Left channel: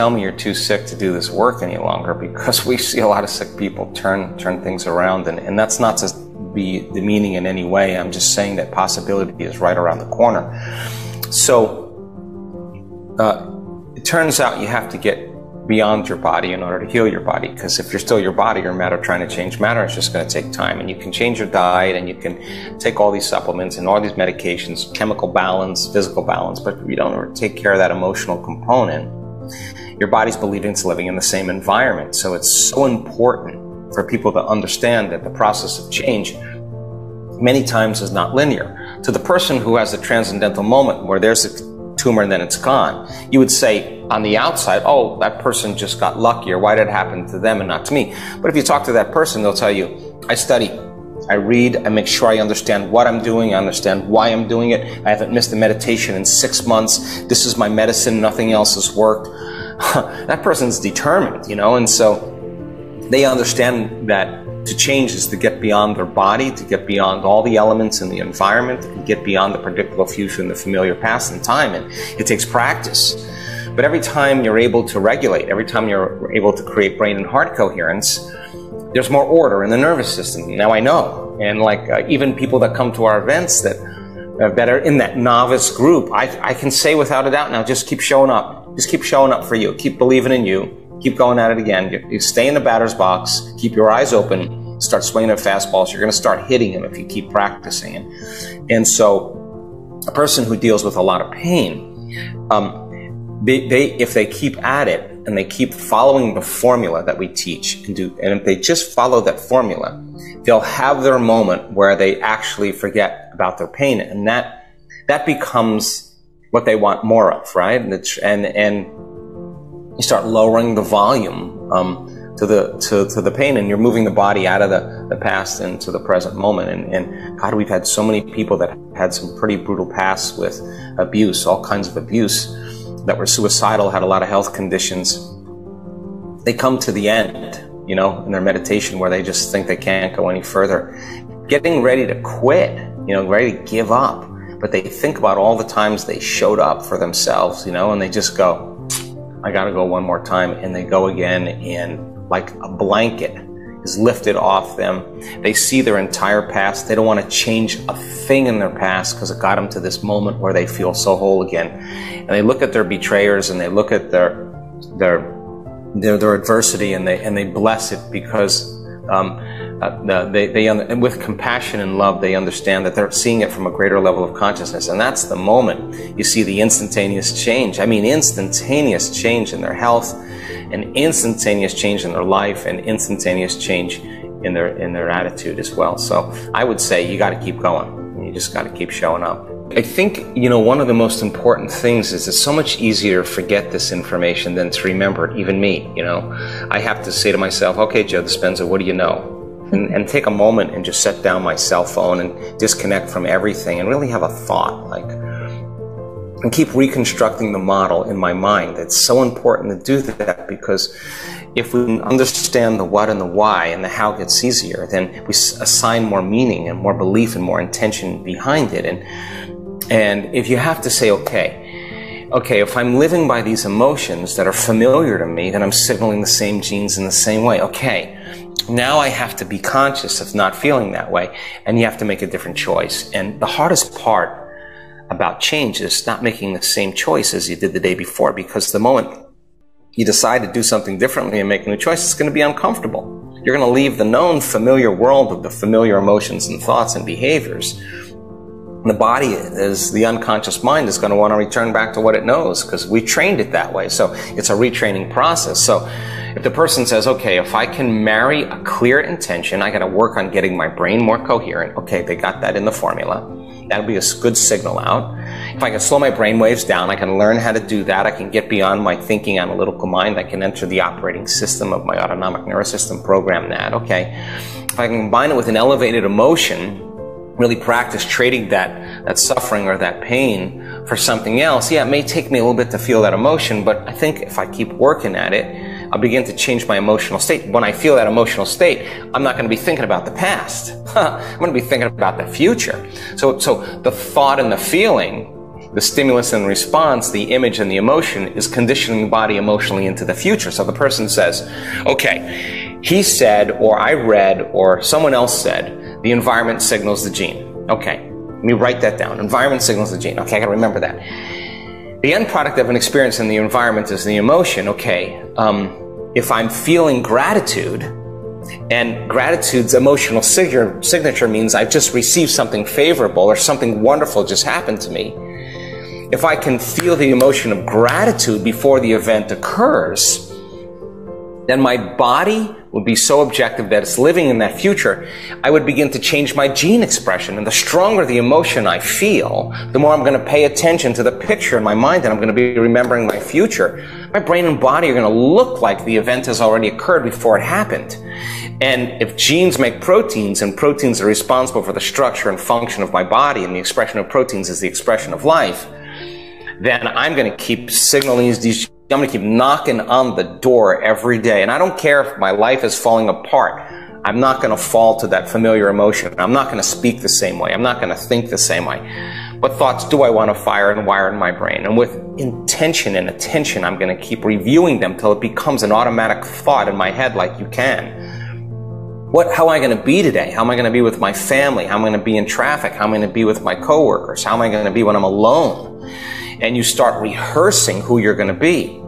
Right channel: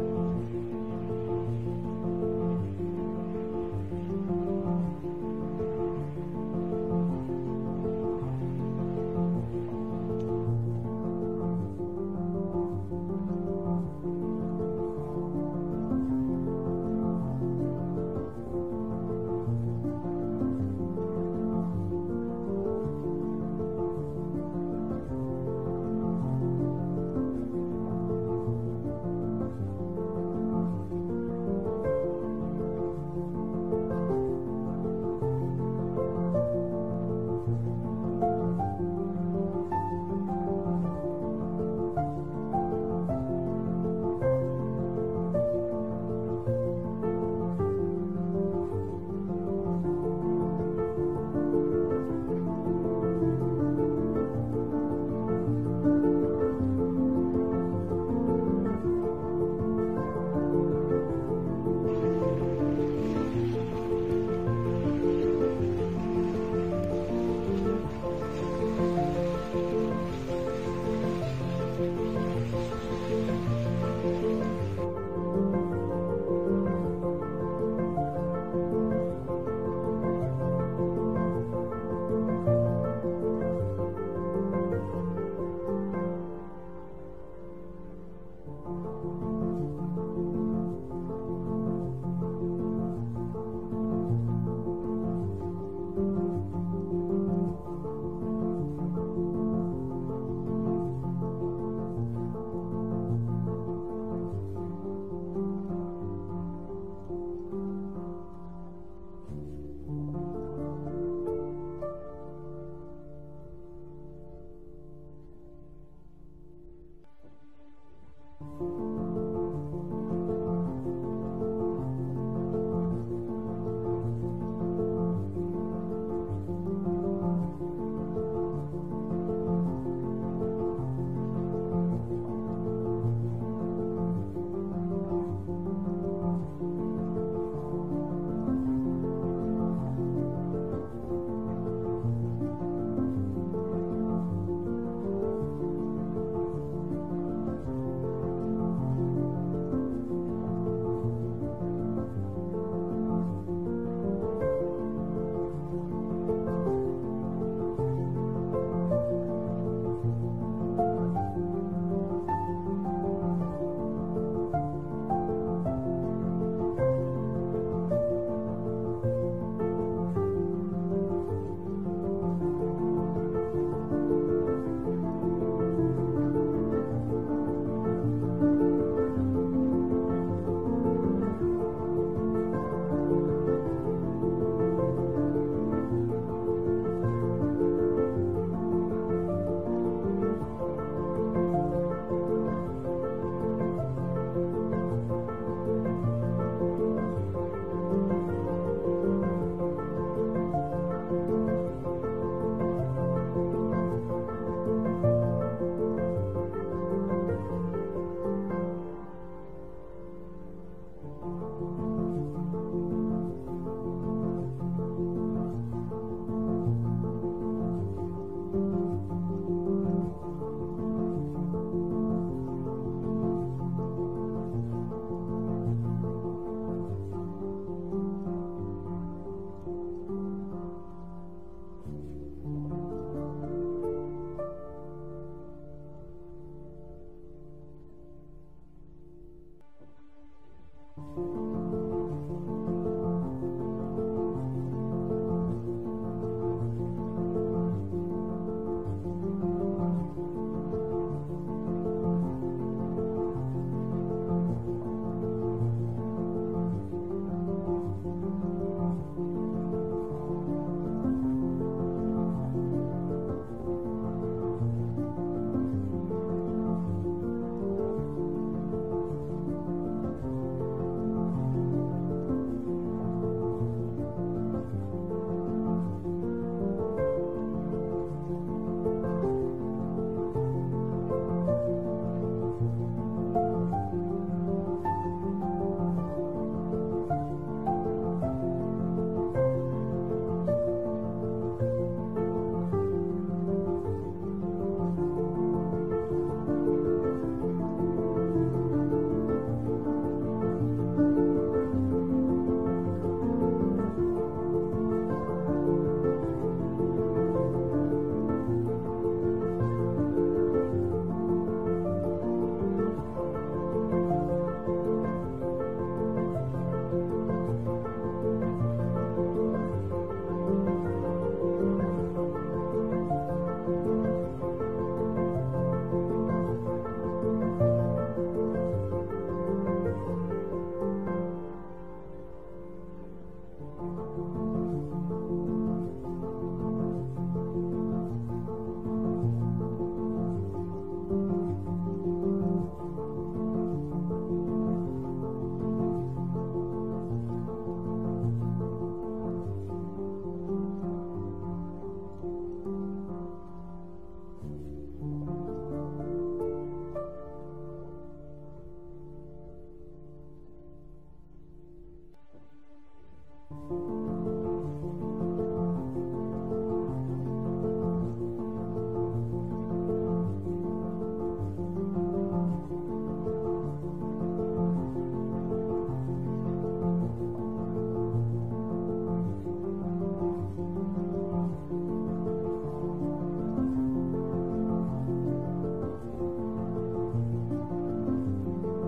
tell me you're too sick to do this work any longer, because we see a lot of sick people turn things around, and that's not to be demeaning in any way. I'm just saying that possibility is right around the corner. So it turns out you have to get beyond your body in order to heal your body, because if you're still your body, your matter trying to change matter, it's just going to take time. And you can change your diet, and you can take all these supplements and all these medications, chemical balance, physical balance, but if you don't take care of that emotional component, your body's believing it's living in the same environment. So it's so important for people to understand that the process of change many times is not linear. To the person who has the transcendental moment where there's a tumor and then it's gone, you would say on the outside, oh, that person just got luckier. Why did it happen to them and not to me? But if you talk to that person, they'll tell you, I study, I read, I make sure I understand what I'm doing, I understand why I'm doing it. I haven't missed a meditation in 6 months. This is my medicine, nothing else has worked. That person's determined, you know, and so they understand that to change is to get beyond their body, to get beyond all the elements in the environment, to get beyond the predictable future and the familiar past and time, and it takes practice. But every time you're able to regulate, every time you're able to create brain and heart coherence, there's more order in the nervous system. Now I know, and like even people that come to our events that are in that novice group, I can say without a doubt now, just keep showing up. Just keep showing up for you. Keep believing in you. Keep going at it again. You stay in the batter's box. Keep your eyes open. Start swinging at fastballs. You're going to start hitting them if you keep practicing it. And so a person who deals with a lot of pain, if they keep at it and they keep following the formula that we teach and if they just follow that formula, they'll have their moment where they actually forget about their pain, and that becomes what they want more of, right? And you start lowering the volume to the pain, and you're moving the body out of the past into the present moment. And God, we've had so many people that had some pretty brutal pasts with abuse, all kinds of abuse, that were suicidal, had a lot of health conditions. They come to the end, you know, in their meditation where they just think they can't go any further, getting ready to quit, you know, ready to give up. But they think about all the times they showed up for themselves, you know, and they just go, I gotta go one more time, and they go again, and like a blanket is lifted off them. They see their entire past. They don't want to change a thing in their past because it got them to this moment where they feel so whole again. And they look at their betrayers, and they look at their adversity, and they bless it, because and with compassion and love, they understand that they're seeing it from a greater level of consciousness. And that's the moment you see the instantaneous change. I mean, instantaneous change in their health, and instantaneous change in their life, and instantaneous change in their attitude as well. So I would say you got to keep going. You just got to keep showing up. I think, you know, one of the most important things is it's so much easier to forget this information than to remember it. Even me, you know, I have to say to myself, okay, Joe Dispenza, what do you know? And take a moment and just set down my cell phone and disconnect from everything and really have a thought, like, and keep reconstructing the model in my mind. It's so important to do that, because if we understand the what and the why, and the how gets easier, then we assign more meaning and more belief and more intention behind it. And if you have to say, okay, if I'm living by these emotions that are familiar to me, then I'm signaling the same genes in the same way. Okay, now I have to be conscious of not feeling that way, and you have to make a different choice. And the hardest part about change is not making the same choice as you did the day before, because the moment you decide to do something differently and make a new choice, it's going to be uncomfortable. You're going to leave the known familiar world with the familiar emotions and thoughts and behaviors. The body, is the unconscious mind, is going to want to return back to what it knows, because we trained it that way. So it's a retraining process. So if the person says, okay, if I can marry a clear intention, I got to work on getting my brain more coherent. Okay, they got that in the formula. That'll be a good signal out. If I can slow my brain waves down, I can learn how to do that. I can get beyond my thinking analytical mind. I can enter the operating system of my autonomic nervous system, program that. Okay, if I can combine it with an elevated emotion, really practice trading that suffering or that pain for something else. Yeah, it may take me a little bit to feel that emotion, but I think if I keep working at it, I'll begin to change my emotional state. When I feel that emotional state, I'm not going to be thinking about the past. I'm going to be thinking about the future. So the thought and the feeling the stimulus and response, the image and the emotion, is conditioning the body emotionally into the future. So the person says, okay, he said, or I read, or someone else said, the environment signals the gene. Okay, let me write that down. Environment signals the gene. Okay, I gotta remember that. The end product of an experience in the environment is the emotion. Okay, if I'm feeling gratitude, and gratitude's emotional signature means I've just received something favorable or something wonderful just happened to me. If I can feel the emotion of gratitude before the event occurs, then my body would be so objective that it's living in that future. I would begin to change my gene expression. And the stronger the emotion I feel, the more I'm going to pay attention to the picture in my mind, and I'm going to be remembering my future. My brain and body are going to look like the event has already occurred before it happened. And if genes make proteins, and proteins are responsible for the structure and function of my body, and the expression of proteins is the expression of life, then I'm going to keep signaling these. I'm going to keep knocking on the door every day. And I don't care if my life is falling apart. I'm not going to fall to that familiar emotion. I'm not going to speak the same way. I'm not going to think the same way. What thoughts do I want to fire and wire in my brain? And with intention and attention, I'm going to keep reviewing them till it becomes an automatic thought in my head like you can. How am I going to be today? How am I going to be with my family? How am I going to be in traffic? How am I going to be with my coworkers? How am I going to be when I'm alone? And you start rehearsing who you're going to be.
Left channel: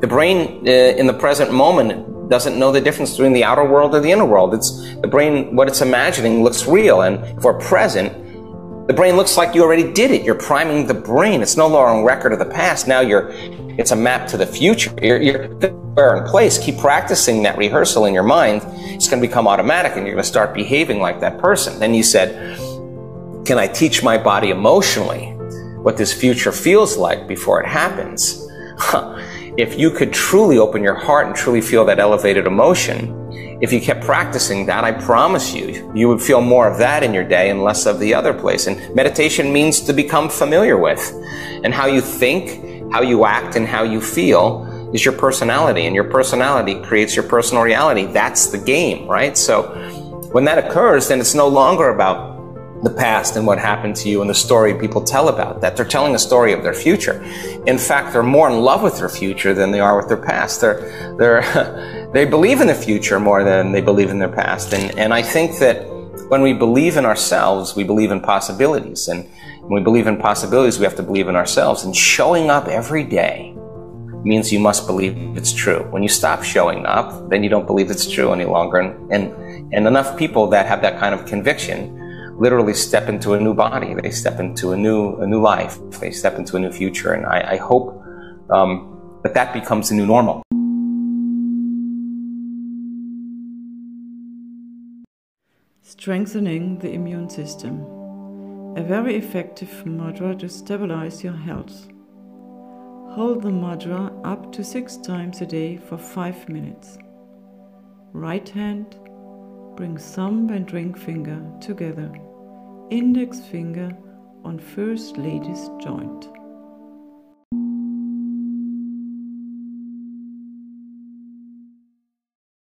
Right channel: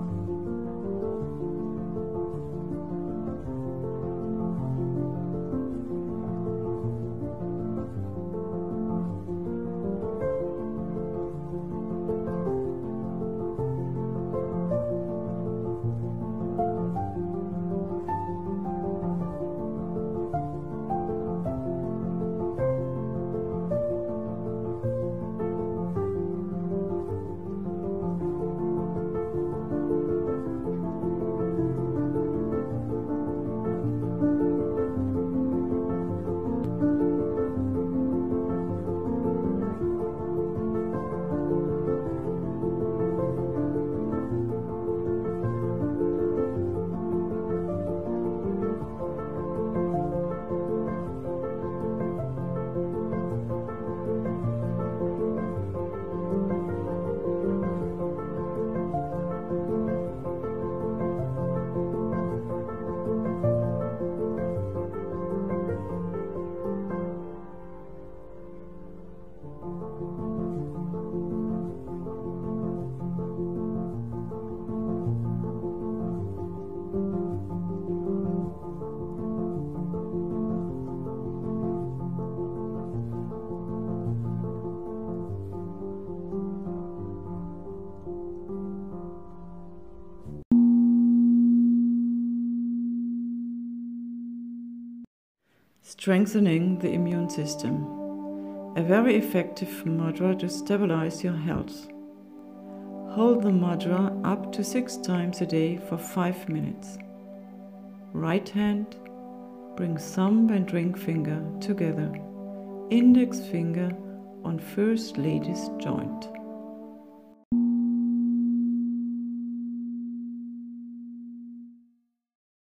The brain in the present moment doesn't know the difference between the outer world or the inner world. The brain, what it's imagining looks real, and if we're present, the brain looks like you already did it. You're priming the brain. It's no longer a record of the past. Now it's a map to the future. You're in place. Keep practicing that rehearsal in your mind. It's going to become automatic, and you're going to start behaving like that person. Then you said, can I teach my body emotionally what this future feels like before it happens? If you could truly open your heart and truly feel that elevated emotion, if you kept practicing that, I promise you, you would feel more of that in your day and less of the other place. And meditation means to become familiar with. And how you think, how you act, and how you feel is your personality. And your personality creates your personal reality. That's the game, right? So when that occurs, then it's no longer about the past and what happened to you and the story people tell about that. They're telling a story of their future. In fact, they're more in love with their future than they are with their past. They believe in the future more than they believe in their past. And I think that when we believe in ourselves, we believe in possibilities. And when we believe in possibilities, we have to believe in ourselves. And showing up every day means you must believe it's true. When you stop showing up, then you don't believe it's true any longer. And enough people that have that kind of conviction literally step into a new body. They step into a new life. They step into a new future. And I hope that becomes the new normal. Strengthening the immune system. A very effective mudra to stabilize your health. Hold the mudra up to 6 times a day for 5 minutes. Right hand, bring thumb and ring finger together. Index finger on First Lady's joint.